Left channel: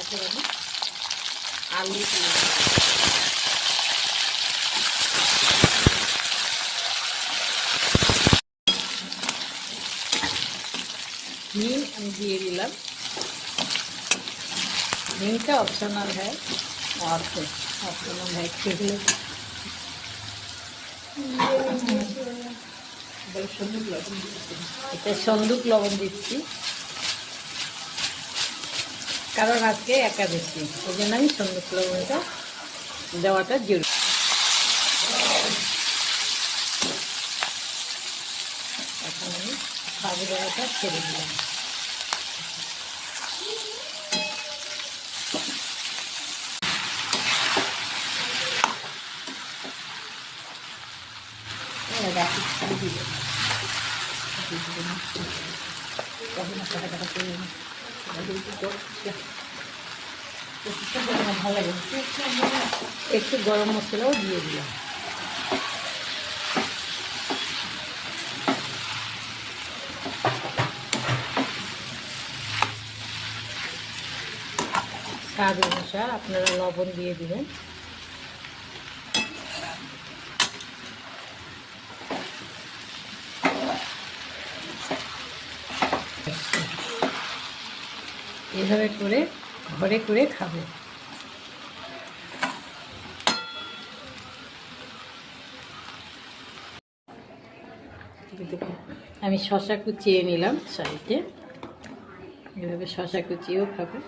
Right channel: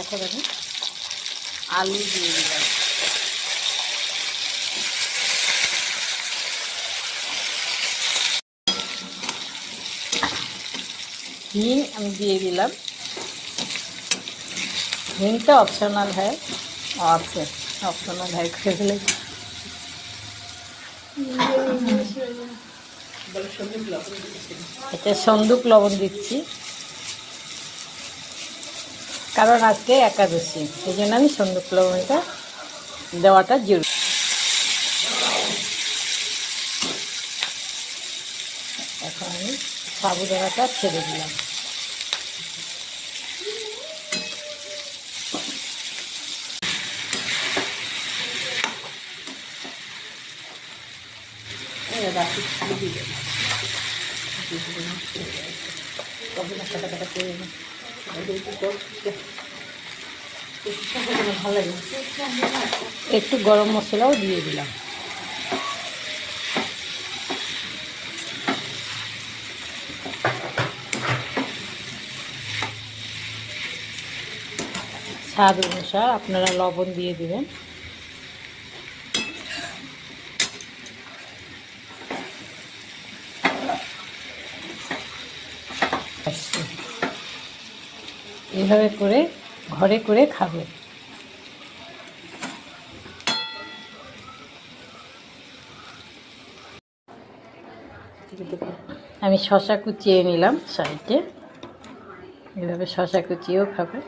এখন আমি আলু দিয়ে দিলাম। হিং আমি দিয়ে দিলাম। हिंग का ऑप्शनल है और ऑप्शनल है এটা সন্দুক লবণ দিচ্ছি, কারণ আজকে একাদশী, এই জন্য আমি সন্দুক লবণটা দেওয়াটা জরুরি। এখন আমি সাবুদানাটা ছেড়ে দিলাম। ভালো লাগে, একটু গরম মশলাও দিয়ে দিলাম। স্বাদ অনুসার আপনারা লবণ দিয়ে দিবেন। এইভাবে করে ঘরে করে খাবে। আমি শসা কুচিয়ে নিলাম সাইডে, এভাবে শসা কুচিয়েও খাবে।